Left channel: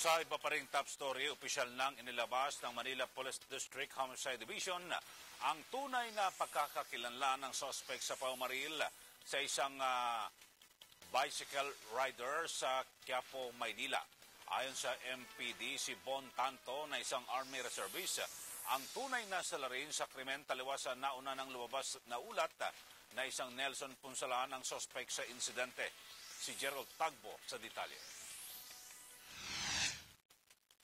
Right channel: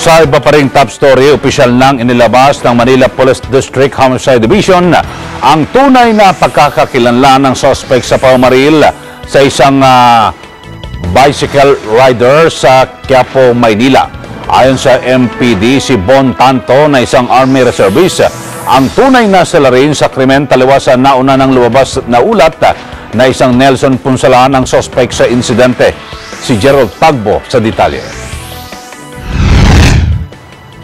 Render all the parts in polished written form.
Sa iba pa ring top story, opisyal nang inilabas ng Manila Police District Homicide Division ang tunay na pagkakakilanlan ng suspect sa paumaril sa isang bicycle rider sa Quiapo, Maynila. Ayon sa MPD, si Bon Tanto na isang Army Reservist, ang tunay na salarin sa krimen taliwas sa nauna ng lumabas na ulat na isang Nelson Punsalan ang suspect sa insidente. Si Gerald Tagbo sa detalye.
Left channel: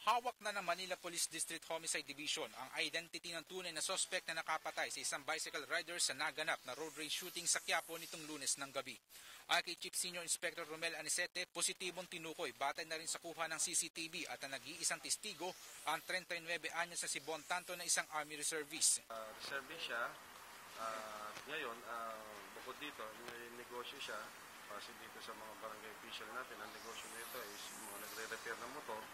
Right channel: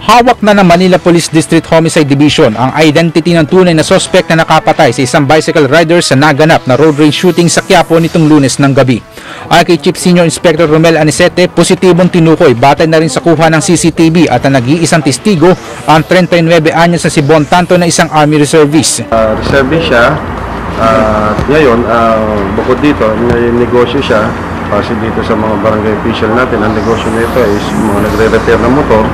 Hawak na ng Manila Police District Homicide Division ang identity ng tunay na suspect na nakapatay sa isang bicycle rider sa naganap na road rage shooting sa Quiapo nitong Lunes ng gabi. Ayon kay Chief Senior Inspector Romel Anicete, positibong tinukoy batay na rin sa kuha ng CCTV at ang nag-iisang testigo ang 39 anyos na si Bon Tanto na isang Army Reservist. Reservist siya. Ngayon, bukod dito, negosyo siya. Kasi dito sa mga barangay official natin, ang negosyo nito is mga nagre-repair ng motor.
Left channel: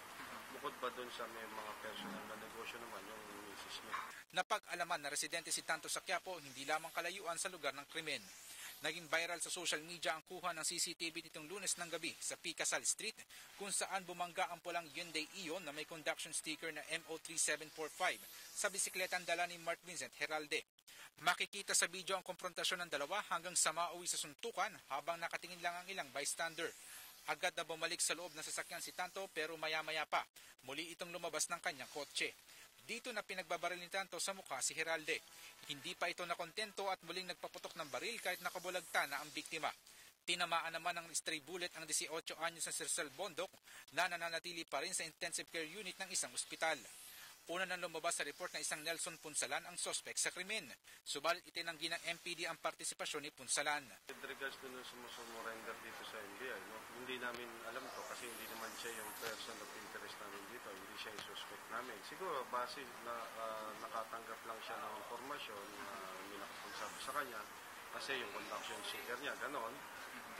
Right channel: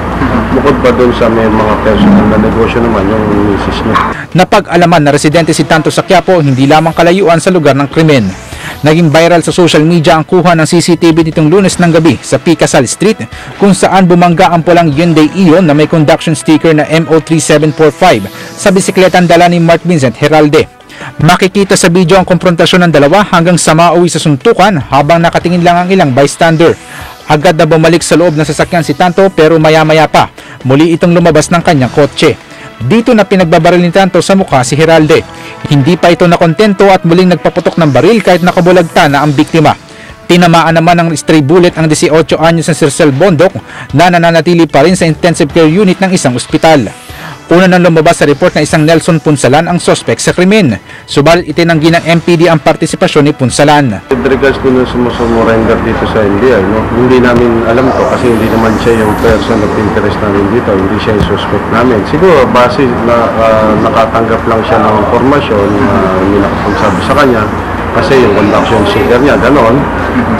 Bukod pa doon sa may mga personal na negosyo naman, yung misis niya. Napag-alaman na residente si Tanto sa Quiapo, hindi lamang kalayuan sa lugar ng krimen. Naging viral sa social media ang kuha ng CCTV nitong Lunes ng gabi sa Picasal Street, kung saan bumangga ang pulang Hyundai Ion na may conduction sticker na MO3745 sa bisikletang dala ni Mark Vincent Heralde. Makikita sa video ang komprontasyon ng dalawa hanggang sa mauwi sa suntukan habang nakatingin lang ang ilang bystander. Agad na bumalik sa loob ng sasakyan si Tanto pero maya-maya pa, muli itong lumabas ng kanyang kotse. Dito na pinagbabaril ni Tanto sa mukha si Heralde. Hindi pa ito nakontento at muling nagpaputok ng baril kahit nakabulagta na ang biktima. Tinamaan naman ng stray bullet ang 18 anyos na si Sir Bondok na nananatili pa rin sa intensive care unit ng isang ospital. Una nang lumabas sa report na isang Nelson Punsalan ang suspect sa krimen. Subalit itinanggi ng MPD ang partisipasyon ni Punsalan. With regards to nung sumusumurrender dito sa NBI, hindi namin alam to kasi hindi naman siya yung person of interest namin dito. Hindi siya yung suspect namin. Siguro base na nakatanggap lang siya ng informasyon na may nakapagsabi sa kanya kasi yung conduction sticker niya, ganon.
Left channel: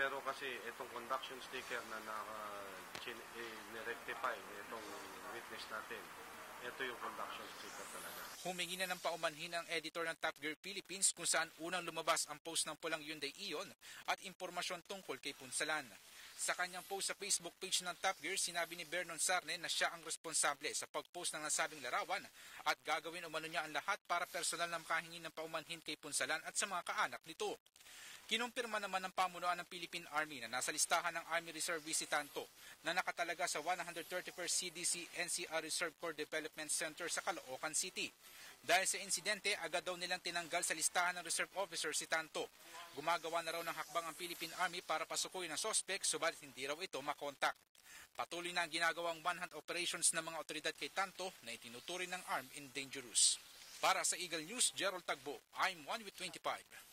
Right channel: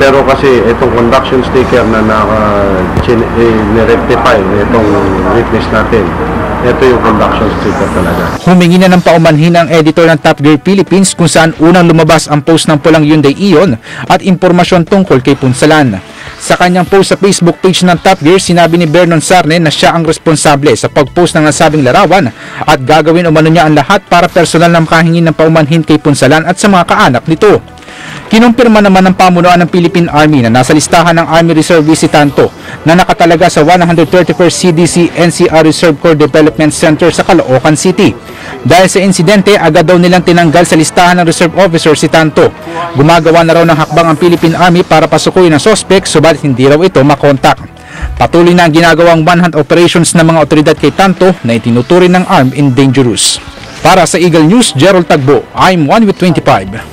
Pero kasi itong conduction sticker na nire-rectify itong witness natin, ito yung conduction sticker talaga. Humingi na ng paumanhin ang editor ng Top Gear Philippines kung saan unang lumabas ang post ng pulang Hyundai Ion at impormasyon tungkol kay Punsalan. Sa kanyang post sa Facebook page ng Top Gear, sinabi ni Vernon Sarne na siya ang responsable sa pag-post ng nasabing larawan at gagawin umano niya ang lahat para personal na makahingi ng paumanhin kay Punsalan at sa mga kaanak nito. Kinumpirma naman ng pamunuan ng Philippine Army na nasa listahan ng Army Reservist si Tanto na nakatalaga sa 131st CDC NCR Reserve Corps Development Center sa Caloocan City. Dahil sa insidente, agad daw nilang tinanggal sa listahan ng reserve officer si Tanto. Gumagawa na raw ng hakbang ang Philippine Army para pasukuyin ang suspect, subalit hindi raw ito makontak. Patuloy na ang ginagawang manhunt operations ng mga otoridad kay Tanto na itinuturing ng armed and dangerous. Para sa Eagle News, Gerald Tagbo, I'm 1 with 25.